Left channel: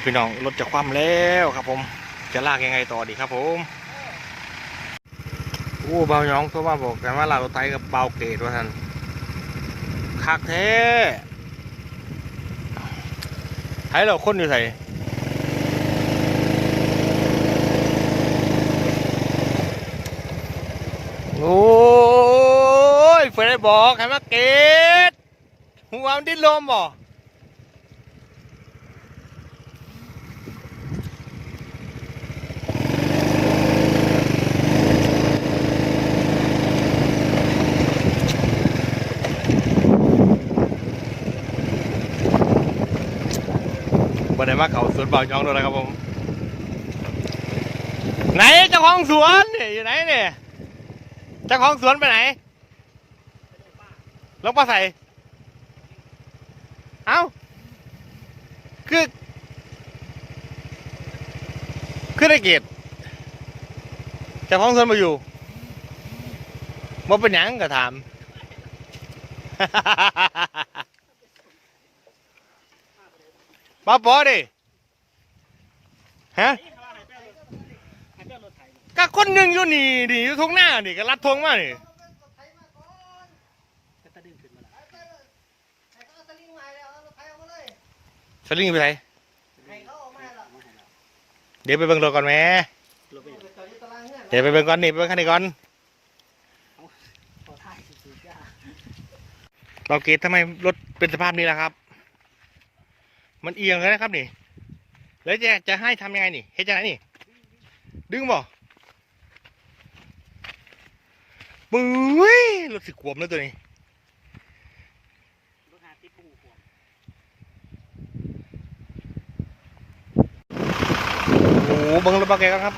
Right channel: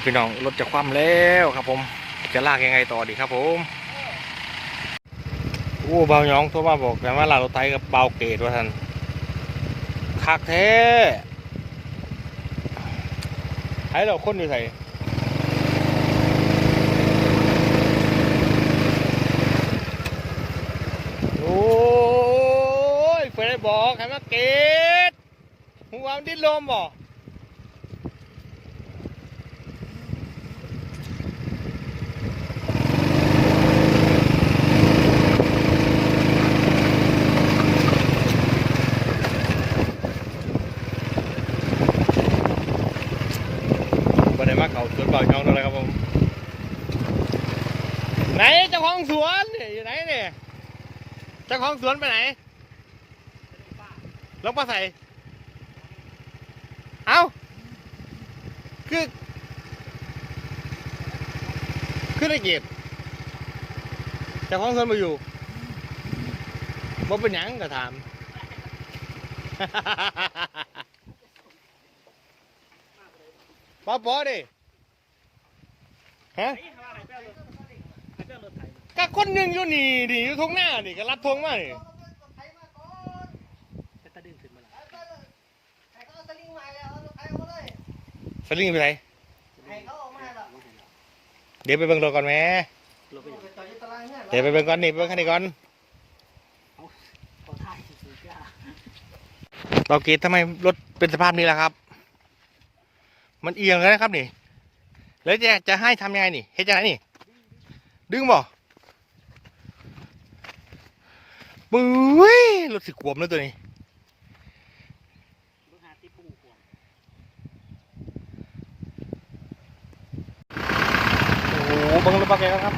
ยพี่น้องรถจะคว่ำแล้วครับผมจะลากยังไงต่อดีครับผมโอ้เบาหยองโทรมาบอกกันว่าลากรถไถกับเบาเกตว่าท่านคักแท้ไถเราคนอยู่ใส่โอ้ยเฟรได้บอกให้มาเกตหัวมันดิ้นลมบ่ มาเขาสวนเบาช่องเลยครับผม ไหนเจ้าของสวนเนี่ยอยู่ไหนเนี่ยเจ้าของสวนไปไหนลงปลาใส่ เอ้า คือคือได้เกียรติเจ้าของสวนมาอยู่มาเป็นหยังก็ถามมาปอดิ ฮะก็คนหนึ่งอยู่นี่ดิอยู่ทงหน้าดิก็รัดทงมาดิสลิงไปไหนเดี๋ยวไปเบิ่งรถก่อนแม่เดี๋ยวไปเบิ่งก่อนนี่ไปเบิ่งคันนี้ก่อนเราเกตทำไมรถเป็นสภาพนี้ล่ะครับ มันเอียงแล้วนะครับนี่ แล้วจะจะให้ทำยังไงนี่เฮ็ดยังไงนี่ ดึงบ่บุ้ยรถสิขวบแล้วตัวนี้โอ้โหเบังรถบาเกตกันครับ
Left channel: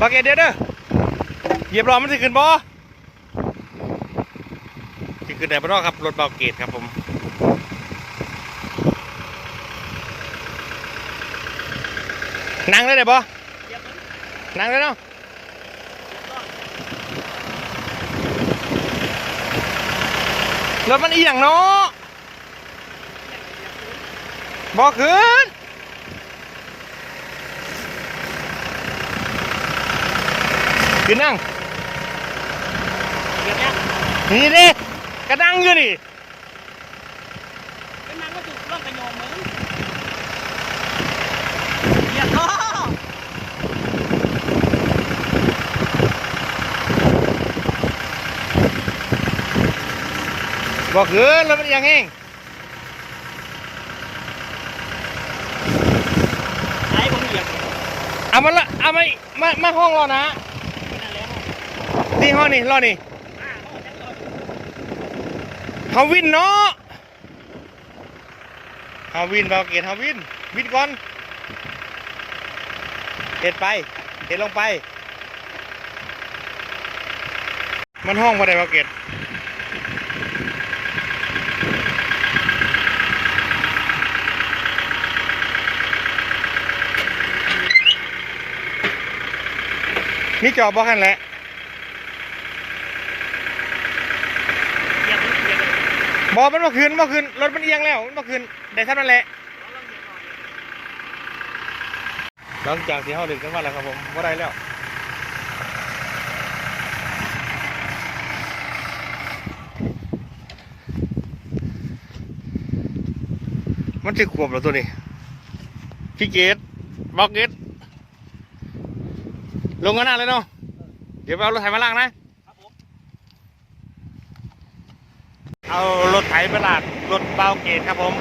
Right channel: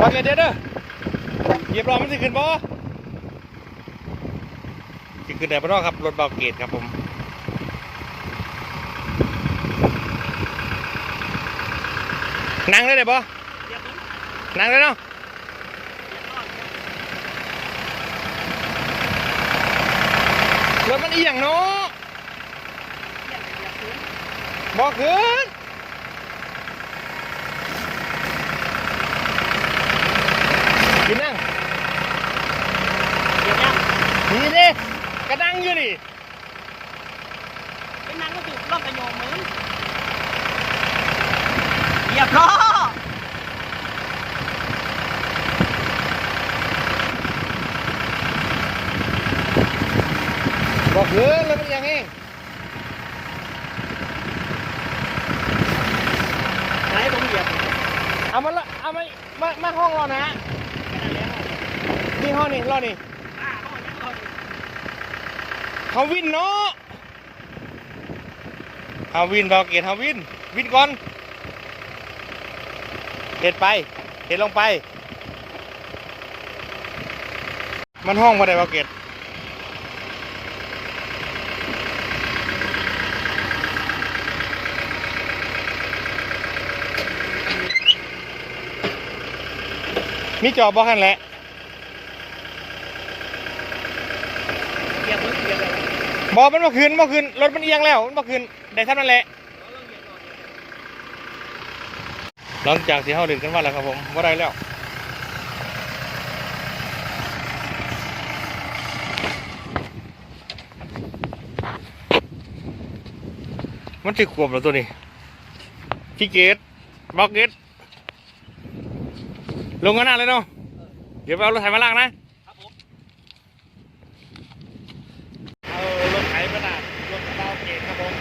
บาเกตเดี๋ยวเด้อเหยียบล้อมันสิขึ้นบ่สิขึ้นได้บ่เนาะครับรถบาเกตครับผม นั่งได้เลยบ่นั่งได้เนาะรถมันเอียงเนาะบ่ขึ้นขึ้นนั่งเยนี่ดิกระดังอยู่นี่เป็นนางก็ถูกล่องกระโยงเหมือน เหยียบล้อบ่ขึ้นรถมันเอียงเองไหนผมเหยียบเอามาละเอามามามาห้องรอนะนี่ห้องนี่รอนี่เขาวินเนาะเขาวินบอกเกตเขาวินวินก่อน เห็ดไป เห็ดลงไป มันห้องมาได้บอกเกตมีจอบบอกกันแหละเหยียบเหยียบเลยบอมันมาคืนมาคืนรถมันเอียงแล้ว มันมาคืนได้ท่านั่นแหละ หลังจากที่เขาดึกกันมาแล้วครับผมว่าได้แล้วมันจะขวบแล้วตัวนี้พี่เกตบอกเกตลงกันหน้าเลยเนาะเดี๋ยวเอารถไถมาล่างนะครับผมเอารถไถมาลากรถเบาเกตครับผม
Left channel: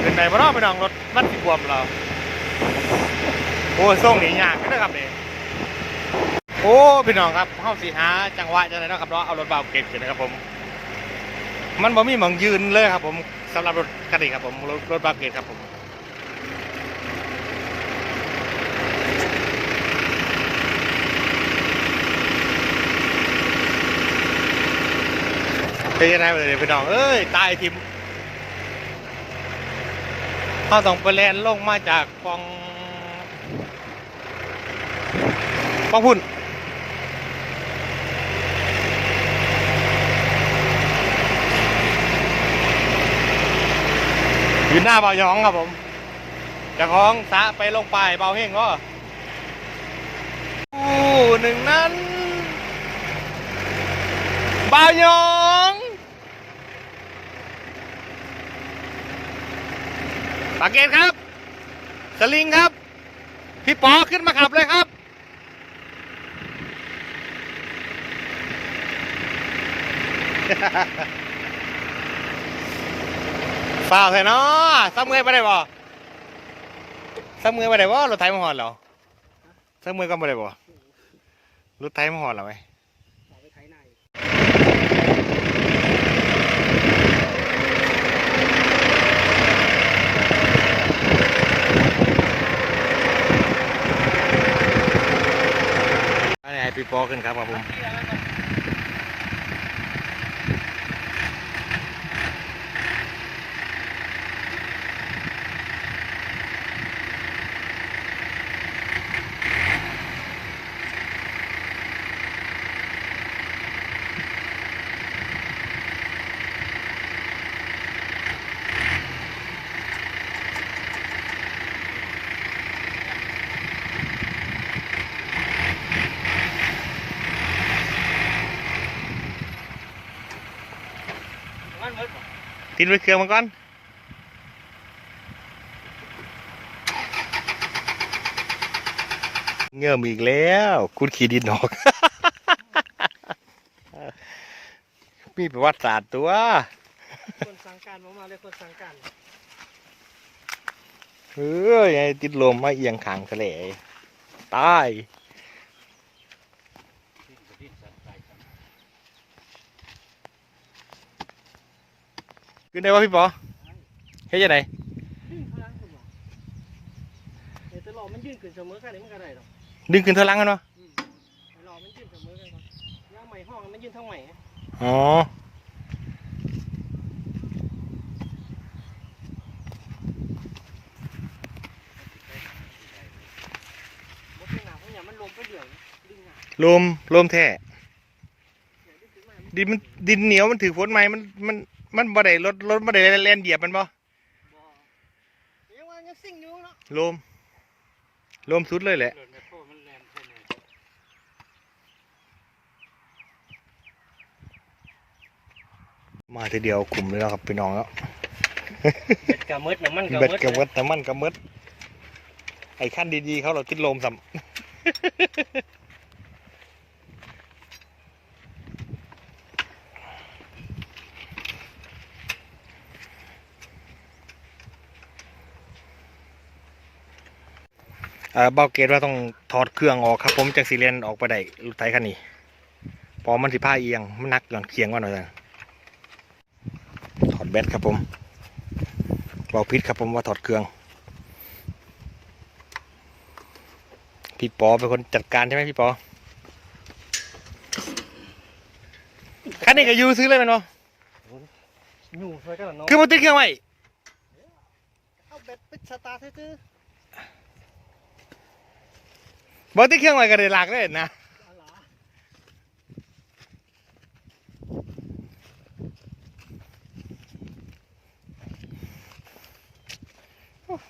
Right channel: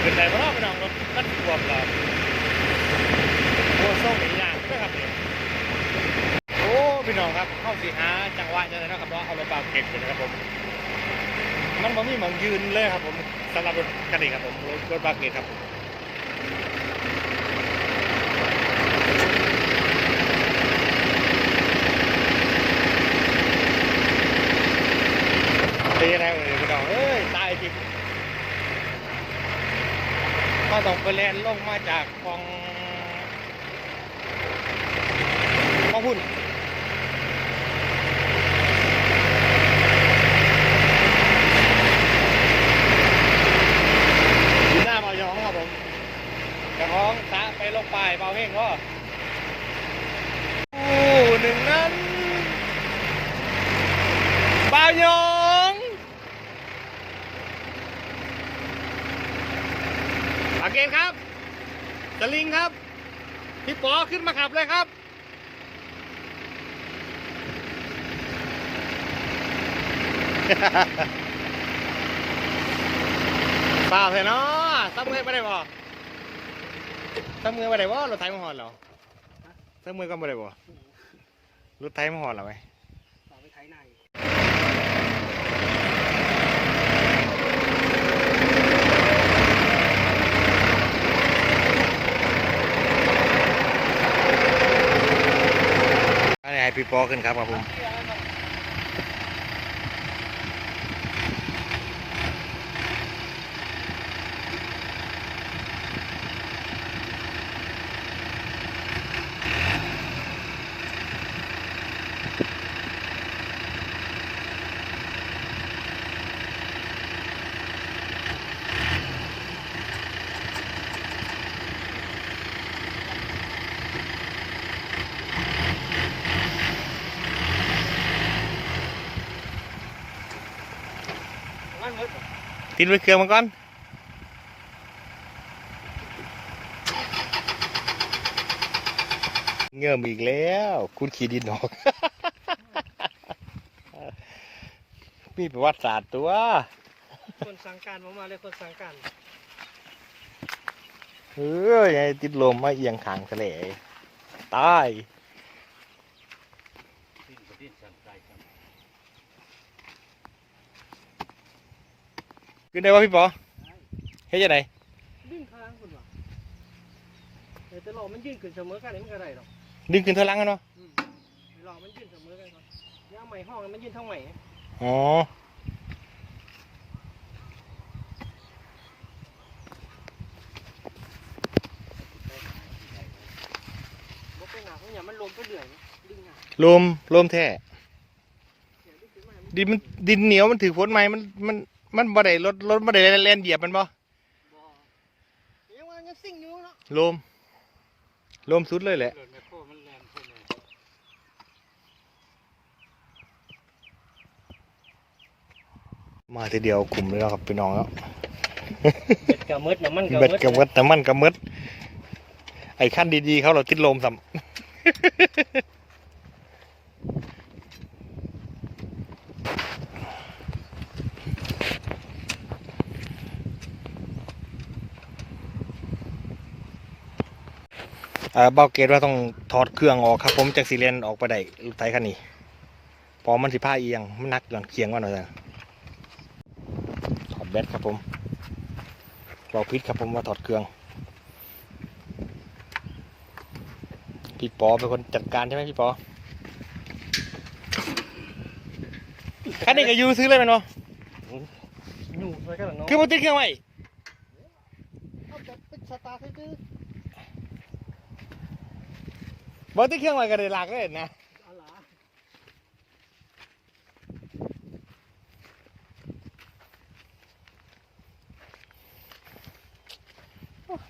เป็นไงบ้างไปน้องรถมันสิขวบเรา โอ้ส่งหนียากเด้อครับเนี่ยโอ้พี่น้องครับเข้าสีหาจังหวะจังไรเนาะครับเนาะเอารถเบาเก็บอยู่นะครับผม มันบ่มีหมองยืนเลยครับ ผมสำหรับรถคันนี้ครับผมรถรถเบาเก็บครับผมเป็นยังไงเลยพี่น้องเอ้ยตายทิม เขาต้องไปแลนลงมาจากกองป้องพุ่นอยู่หน้าเบ่อยองครับผมจะของสะไปลงไปเบาเฮงก็อู้หนึ่งนั้นเบาหยอง ปากเกตครับ สลิงครับ พี่ปอขึ้นมาขับเลยครับเปล่าใช่เนาะซ้ำเงยไปได้บ่ซ้ำเงยไปได้บ่รถไถมาหอดเหรอซ้ำเงยก็ไม่ได้บ่รถไถมาหอดเหรอไหม ต่อไปไถนาอีก อันนี้ให้ พี่ปอขึ้นครับครับผม มันเวิร์ดบ่ติดไว้เครื่องมาก่อนเงื่อมอีกแล้วคุณขี่ดินออก มีประวัติศาสตร์ตัว คนสั่งการมามาเลยคนสั่งการเฮ้ยไอ้ติดลมมาเอียงขางทะเลตาย ขึ้นได้ป่ะพี่ปอเฮ้ยจะไหนดิ้งพลังคุณวะแต่ตลอดมันยืนขึ้นเสมอกันนี่มันก็ได้หรอกดึงขึ้นเทอหลังกันวะอืมตลอดมันยืนเสมอกันก่อนย่าใหม่ห้องมันยืนทั้งใหม่ไงอ๋อบ่เป็นหนาทั้งอย่างมันลมก็เดือดดิ้งหนาลมลมแท้เดี๋ยวดิ้งขึ้นมามันดินมันดินเหนียวมันถือฝนไหมมันมัน มันบ่ได้รถรถบ่ได้แล่นเหยียบมันบ่บ่ยังว่ายังซิ่งอยู่เนาะลมลมสุดเลยแหละรถแมคโครมันแรงใช่ไหมมาทีเดียวกลุ่มเลยเนาะครับพี่น้องแล้วเบ็ดกะมืดน้ำมันกะเบ็ดมืดกับมดแต่มันกับมดไอ้ขั้นดีๆเขาเราติดลมสัม เอ่อเบาเกตว่าต้องถอดเครื่องออกครับผมจากซีเรียนออกไปได้รถไฟคันนี้เพอมันสิผ้าเอียงมันหนักก่อนเคียงว่าหน่อยจ้ะถอดแบตครับผมเบาพิษครับผมว่าถอดเครื่องพี่ปอเป็นคนจัดการใช่ไหมพี่ปอคันนี้ก็อยูซื้อเลยแมันบ่อยู่ไปกันเนาะคือมันติดเครื่องไว้เอาแบบปิดสตาร์ทซื่อ บ่ติดเครื่องไว้ก็ได้หลักเลยนะๆอะไร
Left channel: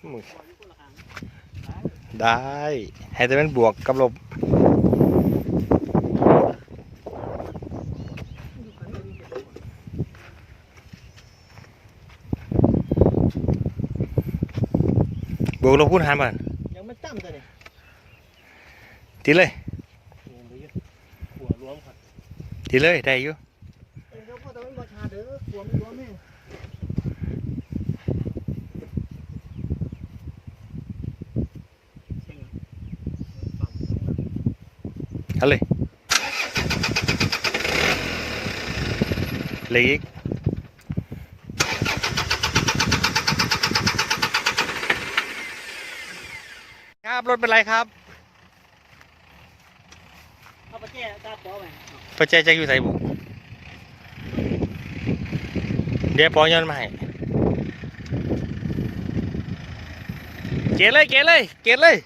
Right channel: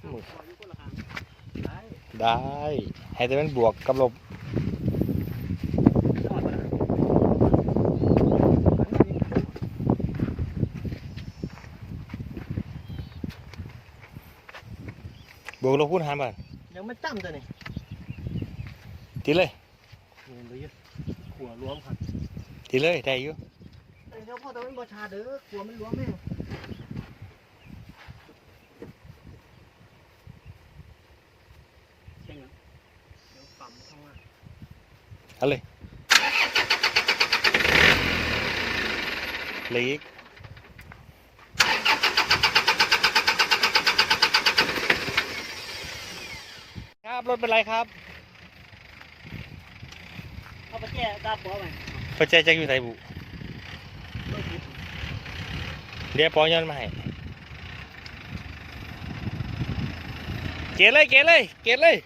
อืมปล่อยนะได้ ให้แต่เป็นบวกกับลบบวกลบคูณหารมันยังไม่จ้ำตัวนี่ทีเลย นี่ดูอยู่หัวรวมครับทีเลยได้อยู่เอ้ยเดี๋ยวพ่อตะวันบชาเด้อหัวมันรวมแม่เอาเลยเลยอีกครับรถเป็นไรครับ เอาไปแก้ตาปอไปปัจจัยจะอยู่ใส่บุเดี๋ยวปอย้อนมาให้เกะเลยเกะเลยเกะเลย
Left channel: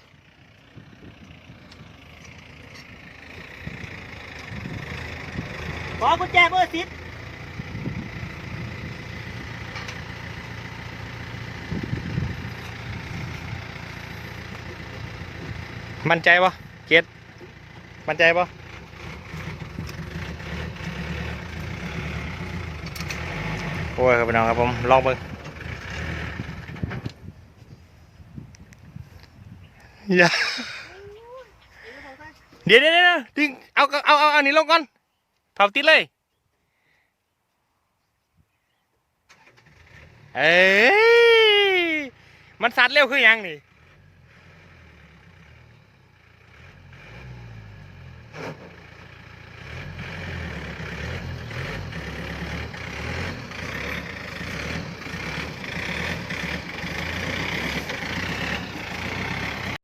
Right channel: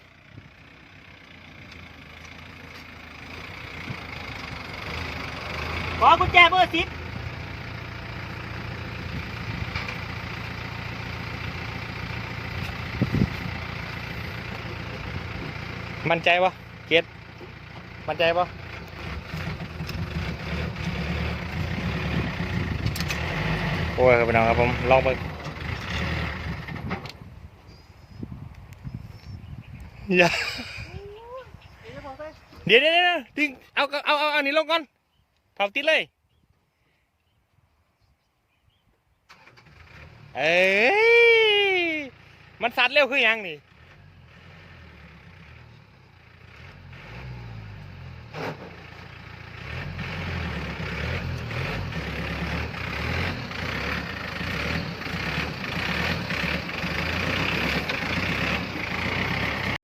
ขอกุญแจเบอร์สิบมั่นใจปะเกตมั่นใจปะ โอ้ยครับพี่น้องครับผมลองเบิ้งอย่าเดี๋ยวเดี๋ยวเดี๋ยวดึงเอาเอาเอาอันนี้ลงก่อนเผาติดเลยเอ้ยมันสัดเร็วคือหยังนี่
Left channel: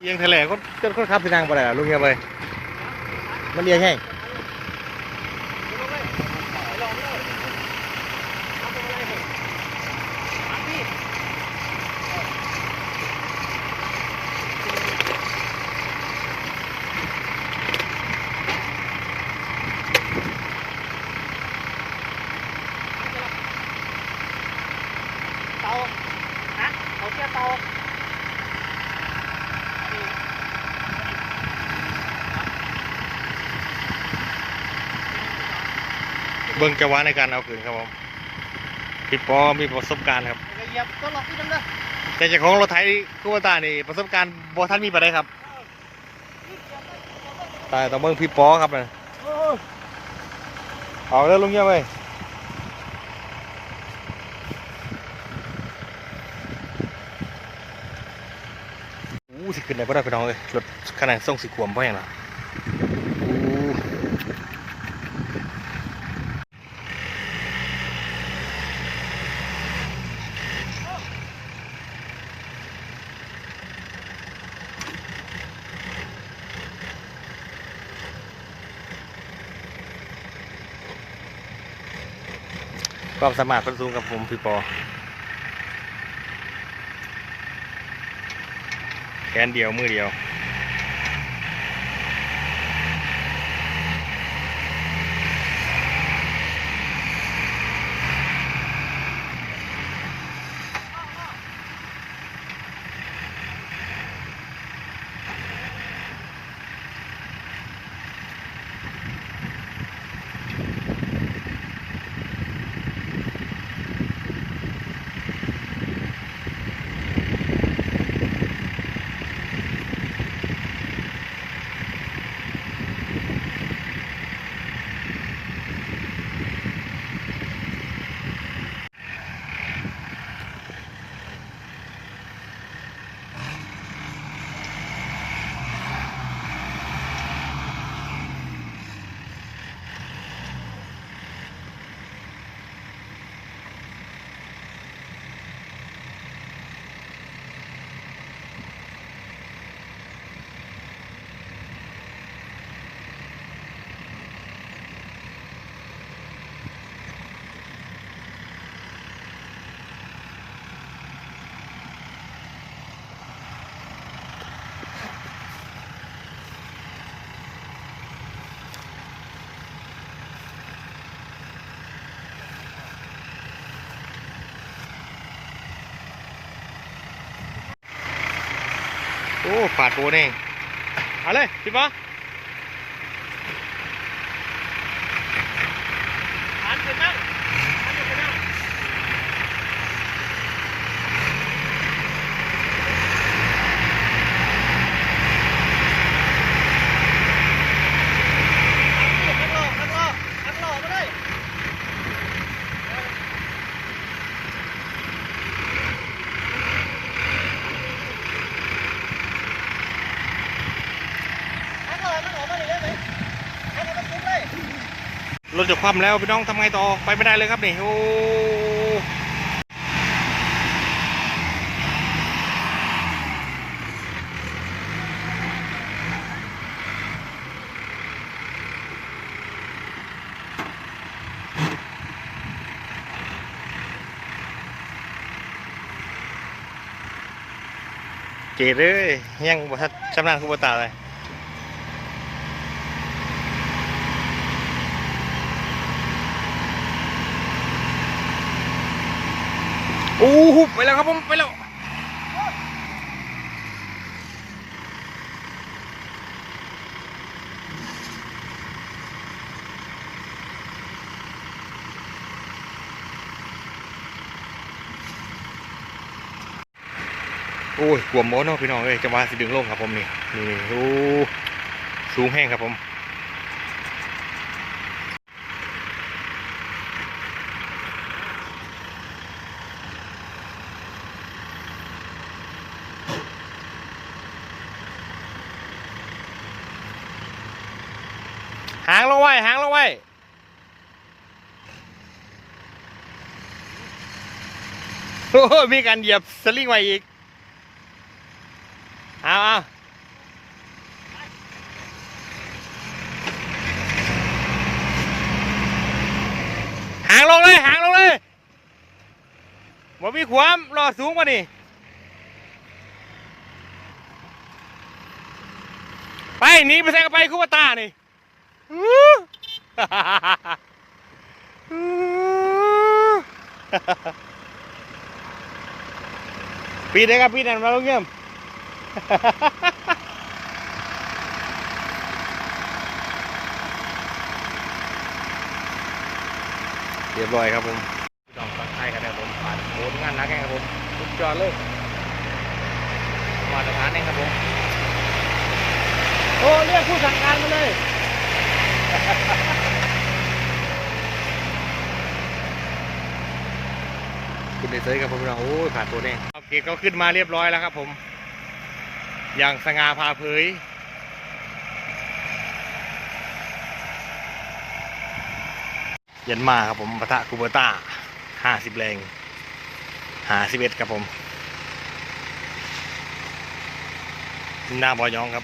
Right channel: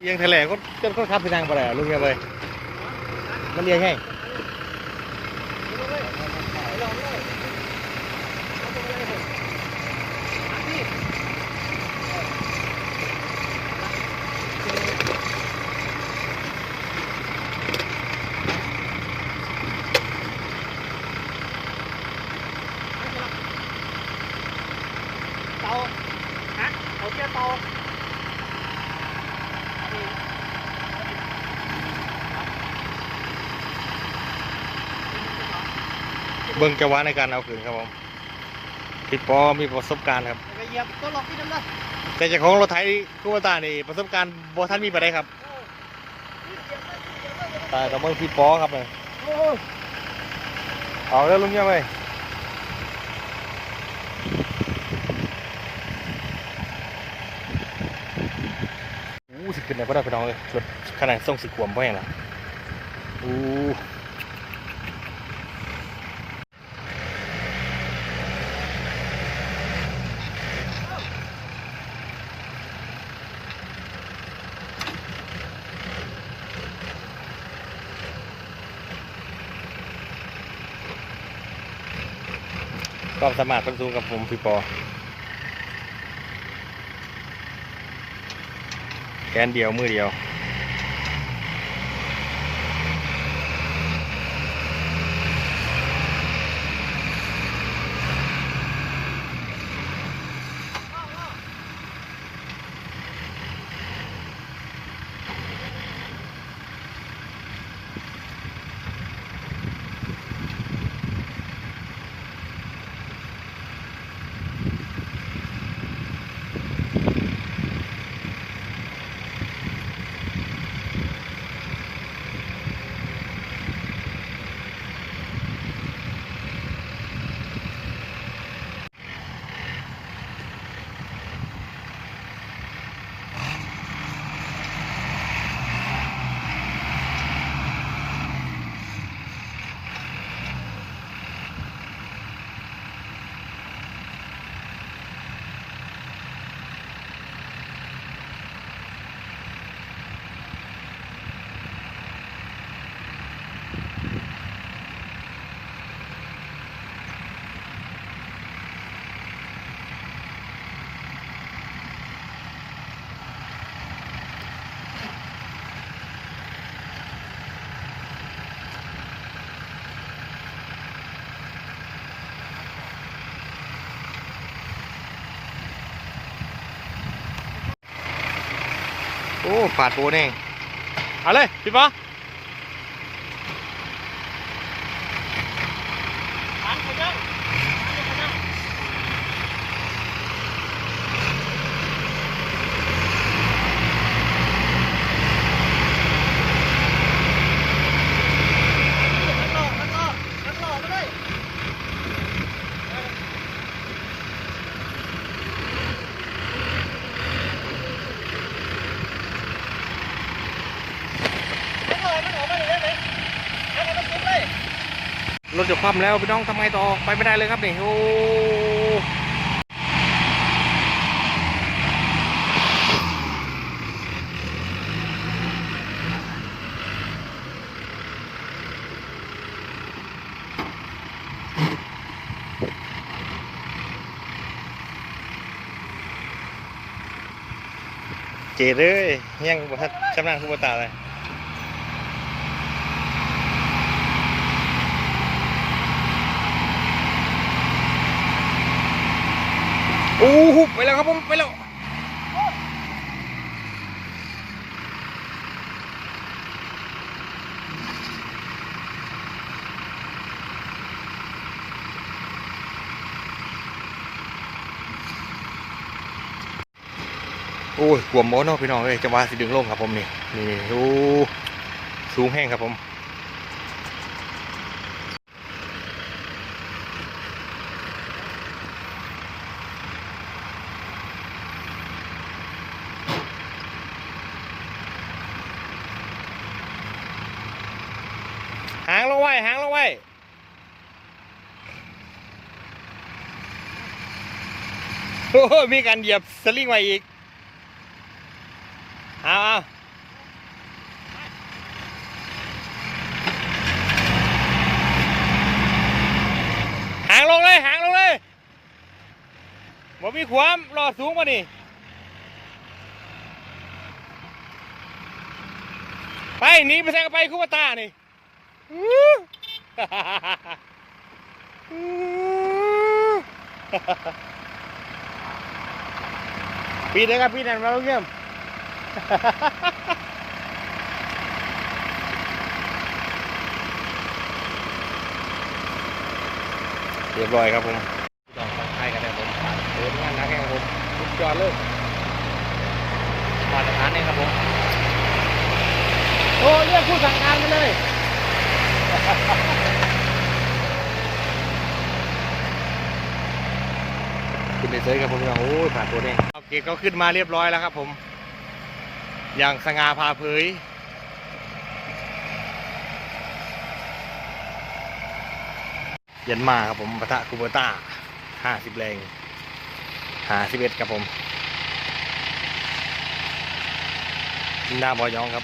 อียงทะเลก็ก็ก็ขับไปทางไปแล้วลุงอย่าไปมันเอียงให้ลงเลยไปลองเลยเอาตรงเลยเลยมาพี่เตาฮะเอ เชือกเตาเบิ่งจังหวะในการเอาคืนครับผมพี่ปอมีประสบการณ์ครับอย่าไปเหยียบต้นหลอกพี่น้ำเด้อแต่เจ้าของรถไถคูวตานี่ประสบการณ์บ่ท่านมีไปได้ครับแต่ต้องเบิ่งพี่ปอครับเลยออกแล้วลุงอย่าไปอู้สิขึ้นไหนบ่ได้พี่น้องเลยรถขนาดส่งสิขวมบ่แห้งล่ะอู้ ความสามารถเพิ่นสูงกับผมพี่ปอแขนเดียวมือเดียว โอ้ปาดโบนี่ เอาเลย พี่ปออันเป็นยังนักหลอกนักหลอกนักหลอกมาเลย นักหลอกนักหลอกมาเลยได้ไหมนักหลอกมาจุ๊บเลย รถ จะคว่ำแล้วพี่น้องทำไงต่อไปไม่ได้เลยครับนี่โอ้เจ๋เลยยังบ่ทันชำนาญคือบ่ตาเลย โอ้หุไปแล้วครับผมไปแล้วโอ้ยกลัวมโมเนาะพี่น้องเอ้ยจังหวะสิดึงลงครับผมนี่นี่โอ้สูงแห้งครับผม หางลงไว้ หางลงไว้ โอ้โหมีการเหยียบสลิงไว้อีก เอาเอาหางลงเลย หางลงเลยบ่มีความรอสูงกว่านี่ไปหนีไปแซงกันไปคู่ตานี่ ปีเด็กครับปีนั่นมาลงเยี่ยมเรียบร้อยครับผมพี่น้องฟังไทยกันนะครับผมผ่านโอนงานหนักแข่งครับผมสุดยอดเลยมาตรฐานเองครับผมโอ้เรียกผู้สั่งการมาเลย ขึ้นได้เซยครับผมพี่น้องโอ้ยผ่านตัวเองโอเคก็ขึ้นมาเรียบร้อยแล้วครับผม อย่างสง่าพาเผยยันมาครับผมปะทะคูเบอร์ต้าห้าสิบแรงหาสิบเอ็ดครับผมหน้าบอยองครับ